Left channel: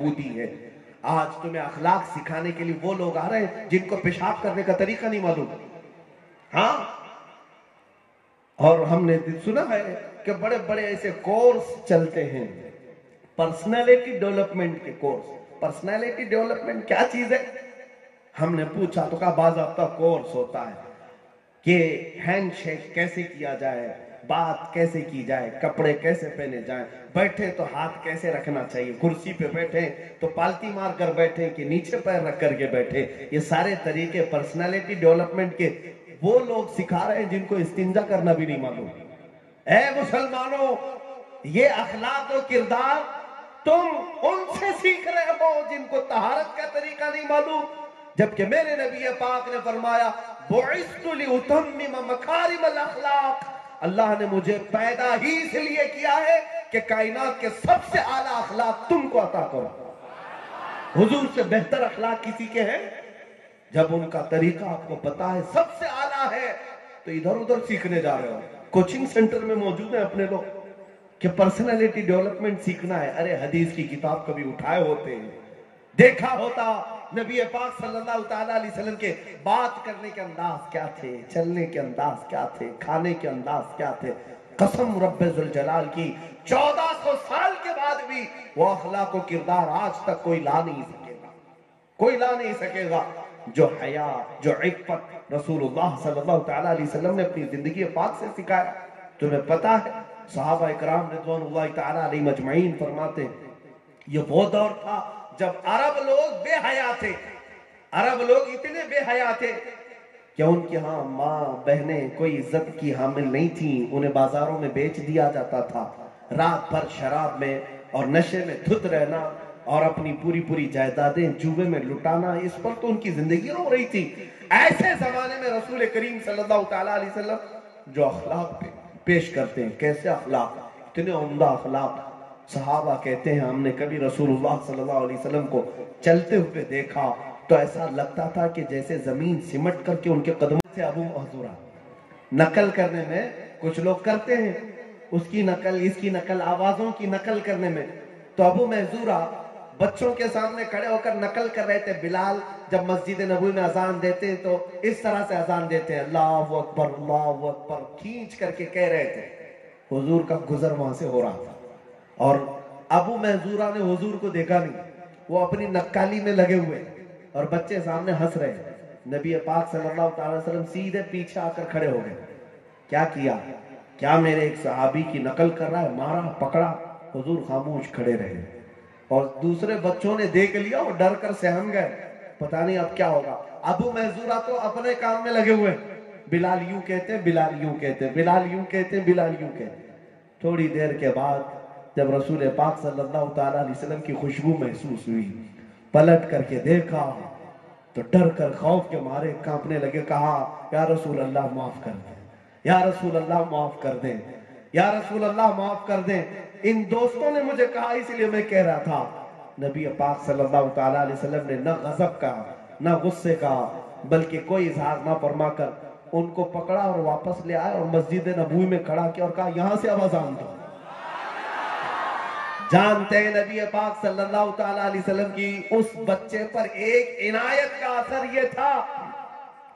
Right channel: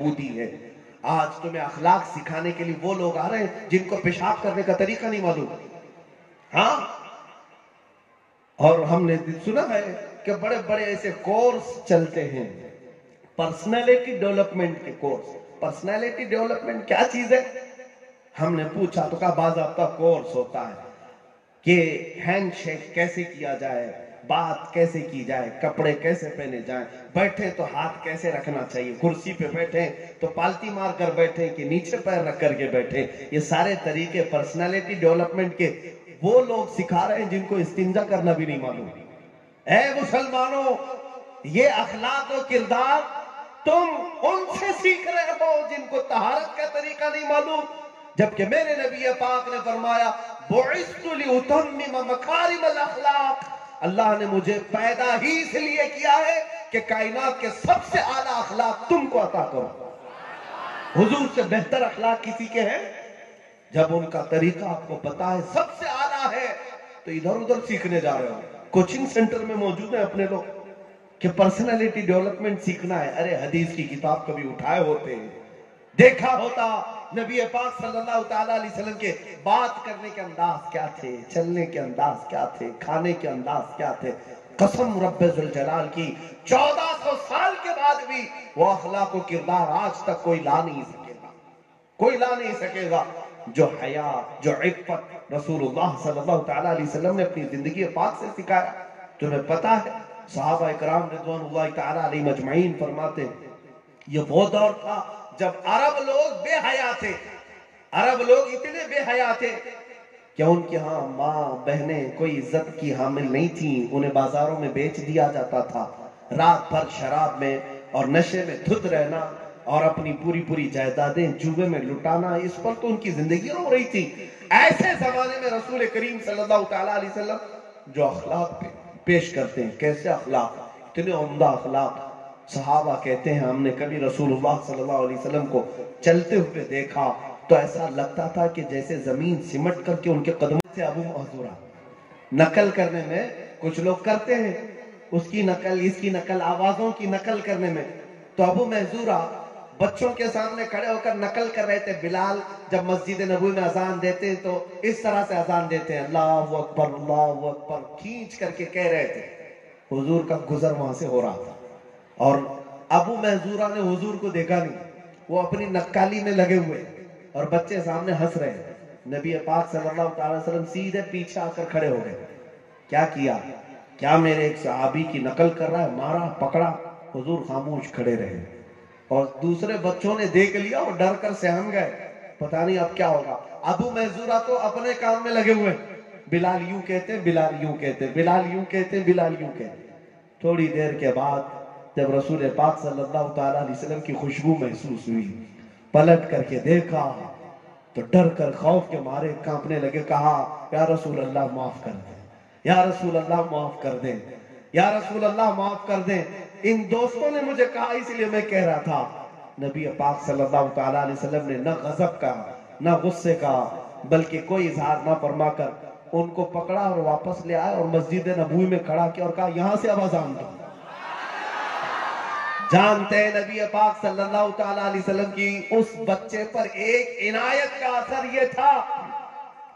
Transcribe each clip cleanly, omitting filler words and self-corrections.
بہبودی ہے۔ آج تمہیں اخلاق سکھانے کے لیے وہ لوگ آ رہے ہیں جن کو پیشاب کرنے کا طریقہ نہیں معلوم۔ ہاں، اور ہم نے سنا ہے کہ بڑے بڑے ایسے کورس چلتے ہیں، پرسنالٹی ڈیولپمنٹ کے کورس۔ پرسنالٹی ڈیولپمنٹ کیا چیز ہے؟ ہم نے پوچھا تو کہا باضابطہ کورس ہوتا ہے کہ ہینڈ شیک کیسے کیا جائے، بات کیسے کی جائے، کپڑے کیسے پہنے جائیں، بیٹھے تو ہاتھ کیسے رکھنا چاہیے، کرسی پہ بیٹھے تو پالتی مار کر بیٹھے کہ نیچے پیر رکھ کر کے بیٹھے۔ یہ سارے طریقے پرسنالٹی ڈیولپمنٹ کے وہ لوگ سکھا رہے ہیں جن کو استنجا کرنا بھی نہیں معلوم۔ اے مسلمانوں، یہ اخلاق و کردار تم ان سے سیکھ رہے ہو جن کو طہارت کا طریقہ نہیں معلوم، جبکہ میرے نبی پاک نے فرمایا بعثت لأتمم مکارم الاخلاق، اللہ نے مجھے پیدا ہی اس لیے کیا ہے کہ کائنات کے سب سے اعلیٰ اخلاق تم کو عطا کرو۔ حضور سے بہتر اخلاق کسی کے ہیں؟ جب ان کا طریقہ آپ کو پتا ہے سب سے اعلیٰ ہے تو ادھر ادھر سیکھنے جا رہے ہو۔ کوچنگ سینٹر میں موجود ہیں اپنے لوگ کہ پرسنالٹی ڈیولپمنٹ سیکھنا ہے۔ ارے حدیث کی کتاب کبھی اٹھائے ہوتے ہیں، دیکھا ہوتا نبی پاک صلی اللہ تعالیٰ علیہ وسلم کے بات کرنے کے انداز کیا تھے، چلنے کے انداز کیا تھے، کھانے کے انداز کیا تھے۔ قسم رب ذوالجلال کی 1400 سال کے بعد بھی وہ اخلاق و کردار آج تک کوئی لا نہیں سکے گا، کوئی لا نہیں سکے گا جو حیا، جو عفت رسول اللہ صلی اللہ تعالیٰ علیہ وسلم نے اپنی زندگی پاک سے سکھایا۔ تمہیں پتا ہے صحابہ اکرام رضوان اللہ تعالیٰ علیہ مجمعین فرماتے یہ وہ دور تھا جب عرب لوگ بے حیا تھے، عرب لوگ اتنے بے حیا تھے کہ ان کے ہاں ماں بہنیں کوئی عزت کی حامل نہیں تھیں، انہیں بازاروں میں بیچ دیا جاتا تھا، رات بھر شراب میں اور نشے میں دھت رہنا اور اپنی پوری جائیدادیں جوے میں لٹانا، اس پر تو ان کی زندگی ہو رہی تھی۔ ایسے زمانے میں رسول کریم صلی اللہ تعالیٰ علیہ وسلم جو اخلاق پیش کرتے ہیں، کیسے اخلاق، اتنے عمدہ اخلاق۔ صحابہ کہتے ہیں ہم نے کبھی رسول اللہ صلی اللہ علیہ وسلم کو چلتے ہوئے دیکھا تو ایسا لگتا تھا کہ جیسے زمین سمٹ کر کے ان کے قدموں سے ابو محذورہ نقل کرنے میں کچھ لوگ کرتے ہیں، اس کی نقل، اس کی نقل، آوازوں کی نقل کرنے میں، تو ابو محذورہ بچوں کے سامنے کھڑے ہو کر نقل کر رہے تھے۔ بلال جب مسجد نبوی میں اذان دیتے تو اس طرح سے اذان دیتے ہیں، اللہ اکبر اللہ اکبر، کھینچ کر کے کہہ رہے تھے۔ حضور کا گزر وہاں سے ہو رہا تھا اور ابو محذورہ نے حضور کو دیکھا نہیں، وہ اپنی نقالی میں لگے ہوئے اور بچے سامنے ہنس رہے ہیں۔ نبی پاک صلی اللہ تعالی وسلم سیدھے پیچھے آ کر کھڑے ہو گئے۔ کیا کیا؟ کیا میرے ایک صحابی کی نقل کر رہا ہے، مارا پکڑا؟ حضور خاموش کھڑے رہے اور دوسرے بچوں نے دیکھ لیا، وہ ڈر کر سہم گئے، پتہ نہیں اب کیا ہوگا۔ ابو محذورہ تو اپنے کام میں لگے ہوئے، بلال یوں کہتے بلال یوں کہتے، بلال یوں کہتے بلال یوں کہتے۔ تھوڑی دیر کے بعد جب رسول پاک صلی اللہ تعالیٰ علیہ وسلم کی خوشبو محسوس ہوئی، پلٹ کر کے دیکھا تو ڈر کر خوف کے مارے کانپنے لگے، کہا یا رسول اللہ معاف کر دیں، یا رسول اللہ معاف کر دیں، یا رسول اللہ معاف کر دیں۔ ان دوستوں نے مجھے کہا اس لیے میں کہہ رہا تھا۔ نبی پاک صلی اللہ تعالیٰ علیہ وسلم نے نہ غضب کا نہ غصے کا بلکہ کوئی اظہار نہ فرما کر ان کو پکڑا اور واپس لے آئے اور مسجد نبوی میں کھڑا کیا اور کہا یہاں سے اب اذان دو۔ جانتے ہیں نبی پاک صلی اللہ تعالیٰ علیہ وسلم کی اس بچے پر ایک عنایت کا اثر یہ تھا،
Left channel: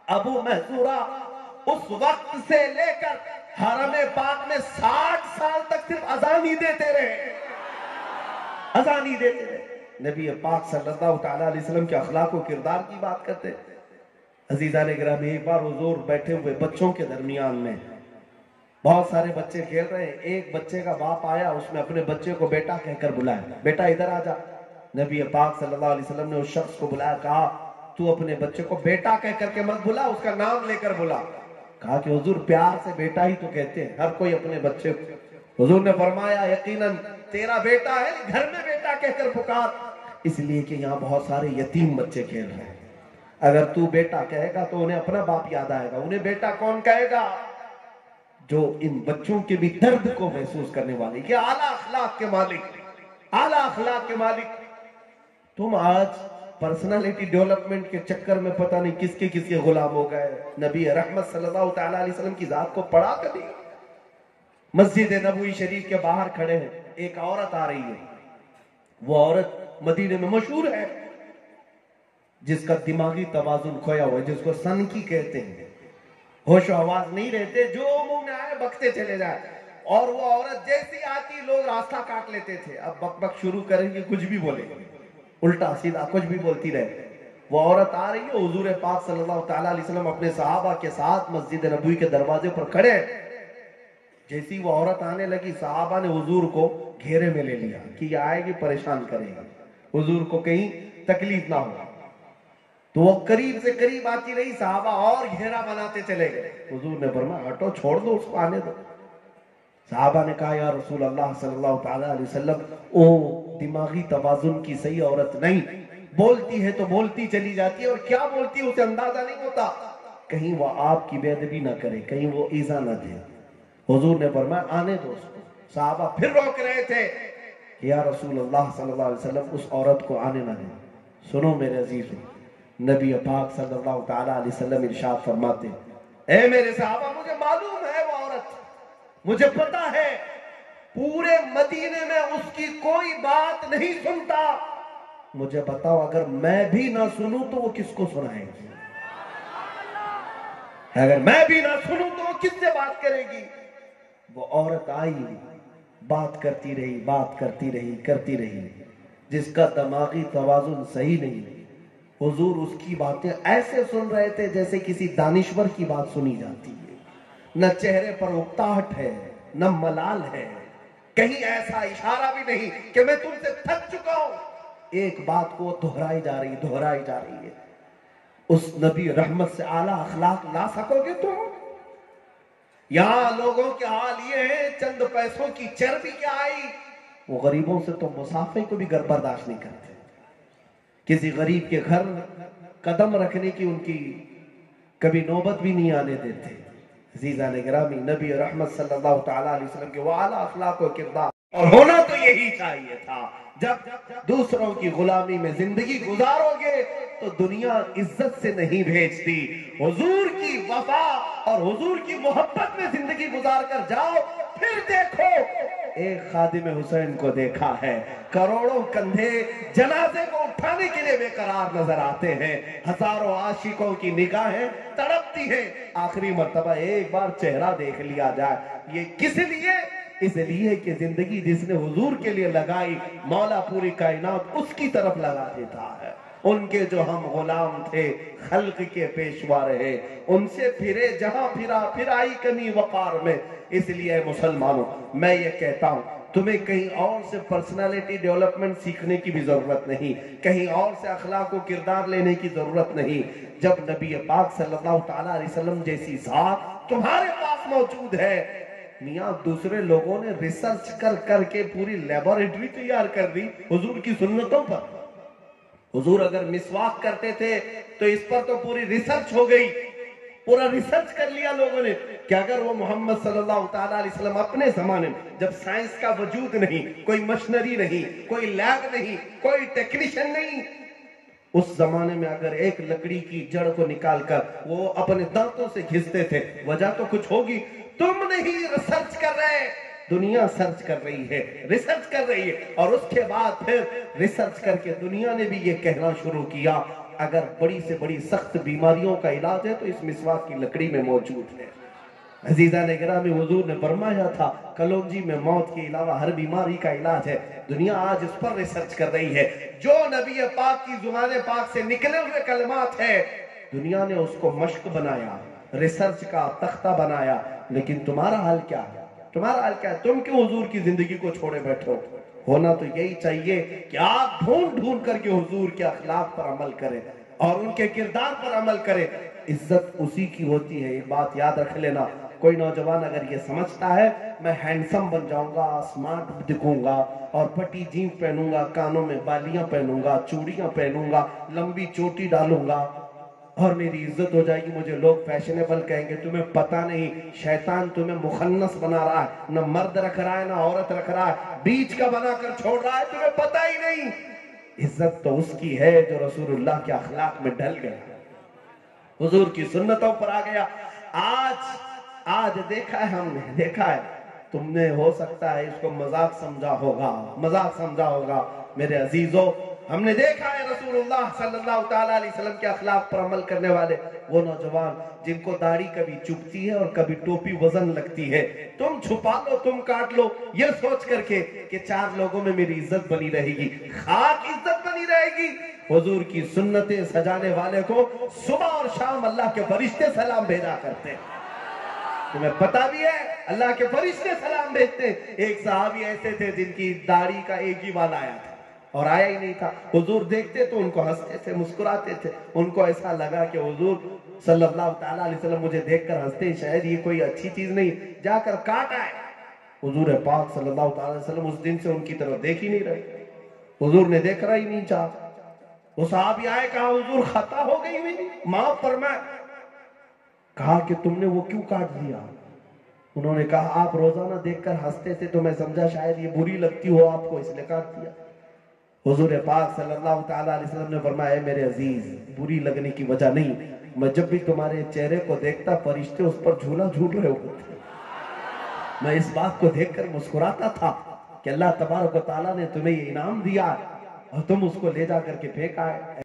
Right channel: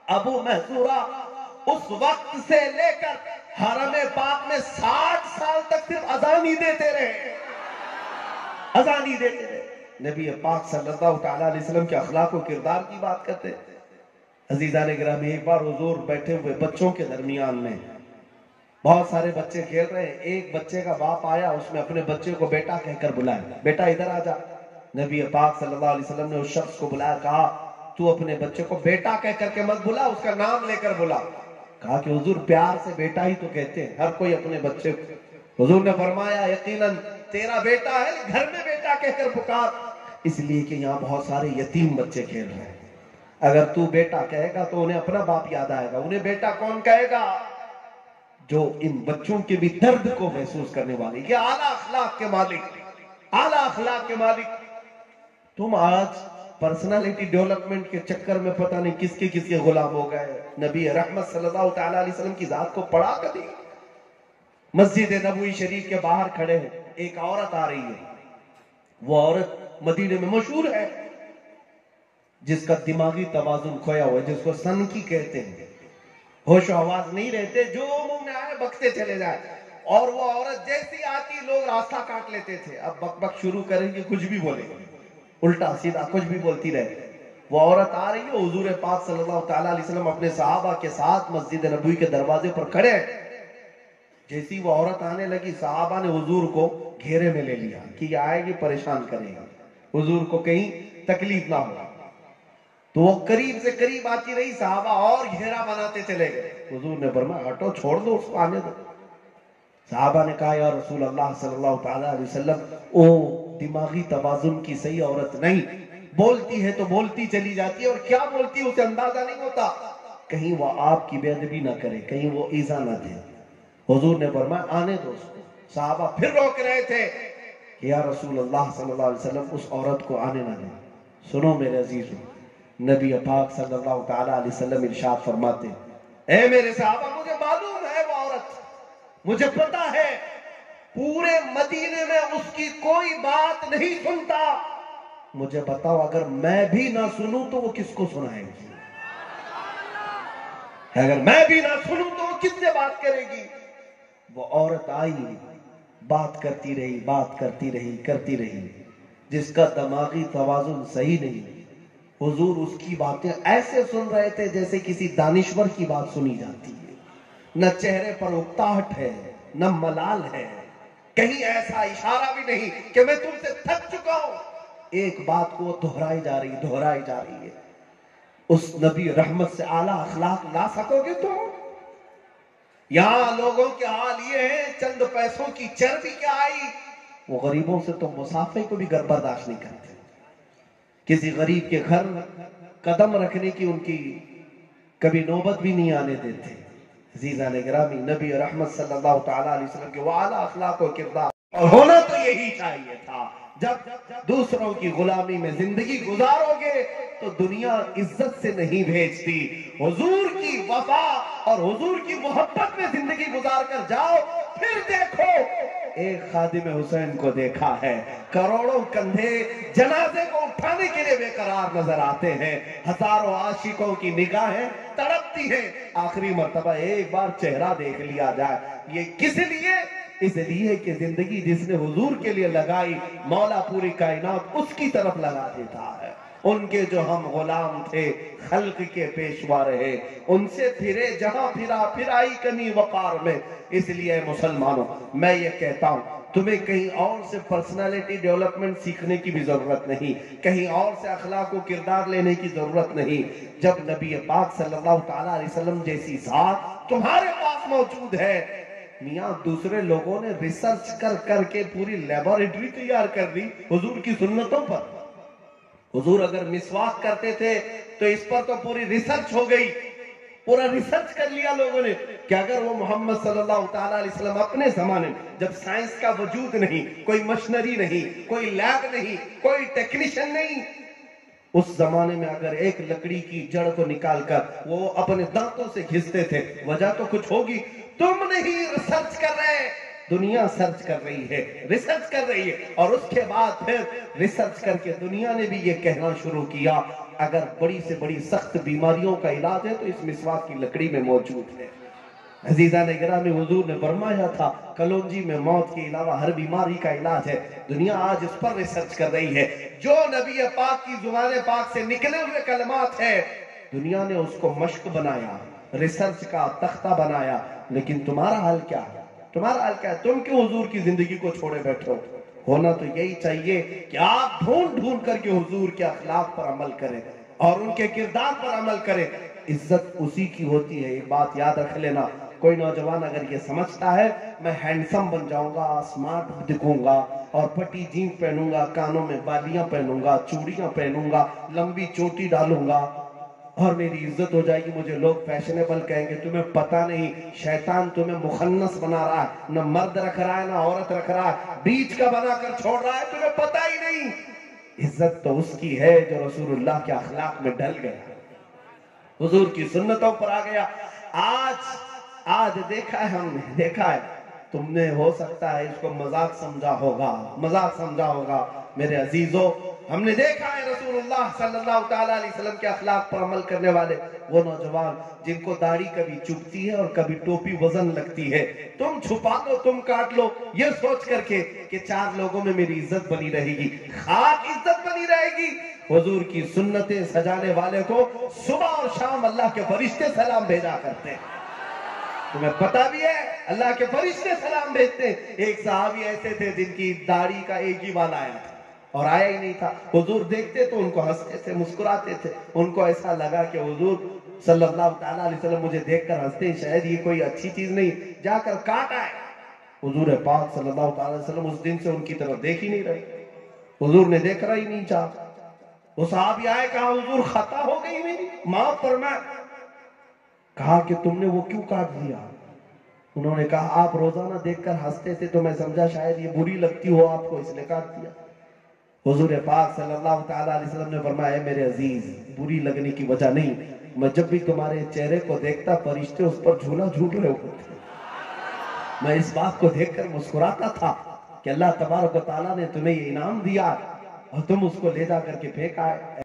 ابو محذورہ اس وقت سے لے کر حرم پاک میں 60 سال تک صرف اذان ہی دیتے رہے، اذان ہی دیتے رہے۔ نبی پاک صلی اللہ تعالیٰ علیہ وسلم کے اخلاق و کردار کی بات کرتے ہیں۔ عزیزان گرامی، ایک بار حضور بیٹھے ہوئے بچوں کے درمیان میں، بہت سارے بچے کھیل رہے ہیں، ایک بچے کا باپ آیا، اس نے اپنے بچے کو بیٹا کہہ کر بلایا، بیٹا ادھر آ جا۔ نبی پاک صلی اللہ علیہ وسلم نے اس شخص کو بلایا، کہا تو اپنے بچے کو بیٹا کہہ کر کے مت بلا، اس کا نام لے کر بلا۔ کہا کہ حضور پیار سے بیٹا ہی تو کہتے ہیں، ہر کوئی اپنے بچے کو۔ حضور نے فرمایا یقیناً تیرا بیٹا ہے، گھر میں بیٹا کہہ کر پکار، اس لیے کہ یہاں بہت سارے یتیم بچے کھیل رہے ہیں، اگر تو بیٹا کہے گا تو انہیں اپنا باپ یاد آئے گا۔ انہیں بیٹا کون کہے گا؟ جو ان بچوں کے بھی درد کو محسوس کرنے والے، یہ اعلیٰ اخلاق کے مالک، اعلیٰ اخلاق کے مالک۔ تم آج پرسنالٹی ڈیولپمنٹ کے چکر میں پتہ نہیں کس کے غلام ہو گئے۔ نبی رحمت صلی اللہ تعالیٰ علیہ وسلم کی ذات کو پڑھا کبھی؟ مسجد نبوی شریف کے باہر کھڑے ہیں، ایک عورت آ رہی ہے، وہ عورت مدینے میں مشہور ہے، جس کا دماغی توازن کھویا ہوا ہے، جس کو سنکی کہتے ہیں، ہوش و حواس نہیں رہتے، جو منہ میں آئے بکتے چلے جائے، اور وہ عورت جیسی آتی لوگ راستہ کاٹ لیتے تھے، اب بک بک شروع کریں گے، کچھ بھی بولے، الٹا سیدھا کچھ بھی بولتی رہے۔ وہ عورت آ رہی ہے، حضور پاک صلی اللہ تعالیٰ علیہ وسلم اپنے صحابہ کے ساتھ مسجد نبوی کے دروازے پر کھڑے، جیسی وہ عورت آنے لگی صحابہ نے حضور کو گھیرے میں لے لیا کہ یہ آئے گی پریشان کرے گی، حضور کو کہیں تکلیف نہ ہو، تو وہ قریب سے قریب آتی رہی، صحابہ اور گھیرا بناتے چلے گئے، حضور نے فرمایا ہٹو، چھوڑ دو اس کو، آنے دو۔ صحابہ نے کہا یا رسول اللہ صلی اللہ تعالیٰ علیہ وسلم، او دماغی توازن کی صحیح عورت نہیں، بولتی ہے تو بولتی چلی جاتی ہے، اور کیا بولتی ہے اسے اندازہ نہیں ہوتا، کہیں وہ آپ کی بے ادبی نہ کرے، کہیں وہ ایذا نہ دے۔ حضور نے فرمایا آنے دو اس کو۔ صحابہ پھر روک رہے تھے کہ یا رسول اللہ صلی اللہ علیہ وسلم اس عورت کو آنے نہ دیں۔ سنو میرے عزیزو، نبی پاک صلی اللہ تعالیٰ علیہ وسلم ارشاد فرماتے، اے میرے صحابہ مجھے معلوم ہے وہ عورت، مجھے پتا ہے پورے مدینے میں اس کی کوئی بات نہیں سنتا، مجھے بتاؤ اگر میں بھی نہ سنوں تو وہ کس کو سنائے گی؟ اگر میں بھی نہ سنوں تو وہ کس سے بات کرے گی؟ وہ عورت آئی، بات کرتی رہی، بات کرتی رہی، کرتی رہی، جس کا دماغی توازن صحیح نہیں، حضور اس کی باتیں ایسے سن رہے تھے جیسے کسی دانشور کی بات سنی جاتی ہے، نہ چہرے پر اکتاہٹ ہے، نہ ملال ہے، کہیں ایسا اشارہ بھی نہیں کہ میں تم سے تھک چکا ہوں، ایک بات کو دہرائی جا رہی، دہرائی جا رہی ہے۔ اس نبی رحمت سے اعلیٰ اخلاق لا سکو گے تم؟ یہاں لوگوں کے حال یہ ہے، چند پیسوں کی چربی کیا آئی، وہ غریبوں سے تو مسافے کو بھی برداشت نہیں کرتے، کسی غریب کے گھر قدم رکھنے کی ان کی کبھی نوبت بھی نہیں آنے دیتے۔ عزیزان گرامی، نبی رحمت صلی اللہ تعالیٰ علیہ وسلم کے وہ اعلیٰ اخلاق و کردار، اور ہونا تو یہی چاہیے تھا۔ جب دوسروں کی غلامی میں زندگی گزارو گے تو دنیا عزت سے نہیں بھیجتی، حضور کی وفا اور حضور کی محبت میں زندگی گزار کر جاؤ، پھر دیکھو ایک خادم حسین کو دیکھا ہے، کروڑوں کندھے جنازے کو اٹھانے کے لیے بے قرار نظر آتے ہیں، ہزاروں عاشقوں کی نگاہیں تڑپتی ہیں، آخری مرتبہ ایک بار چہرہ دیکھ لیا جائے۔ یہ کس لیے؟ اس لیے کہ زندگی جس نے حضور کے لیے لگائی، مولا پوری کائنات اس کی طرف لگا دیتا ہے۔ ان کے جو ہم غلام تھے، خلق کے پیشوا رہے، ان سے پھرے جہاں پھرا، پھر آئی کمی وقار میں۔ اس لیے مسلمانوں، میں یہ کہتا ہوں تمہیں کہیں اور سے پرسنالٹی ڈیولپمنٹ سیکھنے کی بھی ضرورت نہیں، کہیں اور سے اخلاق و کردار لینے کی ضرورت نہیں۔ جب نبی پاک صلی اللہ تعالیٰ علیہ وسلم جیسی ذات تمہارے پاس موجود ہے، میاں دوسرے لوگوں نے ریسرچ کر کے پوری لیبارٹری تیار کر دی حضور کی سنتوں پر۔ حضور اگر مسواک کرتے تھے تو اس پر تو پوری ریسرچ ہو گئی، پورا ریسرچ کر لیا لوگوں نے کہ اگر وہ محمد صلی اللہ تعالیٰ علیہ وسلم اپنے زمانے میں جب سائنس کا وجود نہیں، کوئی مشنری نہیں، کوئی لیب نہیں، کوئی ٹیکنیشین نہیں، اس زمانے میں اگر ایک لکڑی کی جڑ کو نکال کر وہ اپنے دانتوں سے گھستے تھے، وجہ تو کچھ ہوگی۔ تم نہیں ریسرچ کر رہے، دنیا سرچ کر رہی ہے، ریسرچ کر رہی ہے، اور اس کے بعد پھر ریسرچ کر کے دنیا نے بھی یہ کہنا شروع کیا اگر بڑی سے بڑی سخت بیماریوں کا علاج ہے تو اس مسواک کی لکڑی میں موجود ہے۔ عزیزان گرامی، حضور نے فرمایا تھا کلونجی میں موت کے علاوہ ہر بیماری کا علاج ہے، دنیا آج اس پر ریسرچ کر رہی ہے۔ جو نبی پاک کی زبان پاک سے نکلے ہوئے کلمات ہیں، دنیا نے اس کو مشق بنایا، ریسرچ کا تختہ بنایا، لیکن تمہارا حال کیا ہے؟ تمہارا حال کیا ہے؟ تم کیوں حضور کی زندگی کو چھوڑے بیٹھے ہو؟ ہونا تو یہی چاہیے کہ آپ ڈھونڈ ڈھونڈ کر کے حضور کے اخلاق پر عمل کریں اور ان کے کردار پر عمل کریں۔ عزت اسی کی ہوتی ہے، یہ بات یاد رکھ لینا۔ کوئی نوجوان اگر یہ سمجھتا ہے میں ہینڈسم بن جاؤں گا، اسمارٹ دکھوں گا اور پھٹی جینس پہنوں گا، کانوں میں بالیاں پہنوں گا، چوڑیاں پہنوں گا، لمبی چوٹی ڈالوں گا اور میری عزت ہو جائے گی، مجھے لوگ فیشنیبل کہیں گے، تمہیں پتہ نہیں شیطان تمہیں مخنث بنا رہا ہے، نہ مرد رکھ رہا ہے نہ عورت رکھ رہا ہے، بیچ کا بنا کر چھوڑ رہا ہے، تمہیں پتہ ہی نہیں۔ عزت تو اس کی ہے جو رسول اللہ کے اخلاق میں ڈل گیا، حضور کی سنتوں پر آ گیا۔ آج دیکھا ہے، ہم دیکھا ہے، تم نے ہو سکتا ہے اس کو مذاق سمجھا ہوگا، میرے عزیزوں، ہم نے دیکھا ہے رسول اللہ صلی اللہ تعالیٰ علیہ وسلم کے اخلاق پر عمل کرنے والے وہ نوجوان جن کو داڑھی کبھی چبھتی ہے اور کبھی ٹوپی وزن لگتی ہے، تم چھپا لو، تم کاٹ لو، یہ سوچ کر کے کہ 4 لوگوں میں میری عزت بنی رہے گی، خاک عزت بنی رہے گی۔ حضور کی سنتیں سجانے والے کو صبح اور شام اللہ کے فرشتے سلام بھیجا کرتے ہیں۔ تمہیں پتا بھی ہے اللہ کے فرشتے سلام بھیجتے ہیں۔ ایک صحابی ایسے تھے جن کی داڑھی کا ایک ہی بال آیا تھا اور آیا ہی نہیں تھا، حضور دیکھتے تو ان کو ہنستے تھے، مسکراتے تھے، ان کو ایسا لگا کہ حضور صلی اللہ تعالیٰ علیہ وسلم مجھے دیکھ کر ہنستے ہیں، شاید یہ کوئی اچھی چیز نہیں، جا کر کاٹ آئے۔ حضور پاک صلی اللہ تعالیٰ علیہ وسلم اس دن سے ان کی طرف دیکھ ہی نہیں رہے، حضور نے دیکھنا ہی نہیں چاہا۔ وہ صحابی آئے، کہا حضور خطا ہو گئی میری، معاف فرمائے۔ کہا کہ تم نے وہ کیوں کاٹ دیا؟ انہوں نے کہا آپ روزانہ دیکھ کر ہنستے تھے تو میں سمجھا شاید یہ بری لگتی ہو آپ کو، اس نے کاٹ دیا۔ حضور پاک صلی اللہ تعالیٰ علیہ وسلم نے فرمایا، میرے عزیز بری لگنے کی وجہ نہیں، میں جب بھی تمہارے چہرے کو دیکھتا فرشتے اس پر جھولا جھول رہے ہوتے، میں اس بات کو دیکھ کر مسکراتا تھا کہ اللہ تبارک و تعالیٰ نے تمہیں یہ انعام دیا اور تم اس کو لے جا کر کے پھینکا ہے۔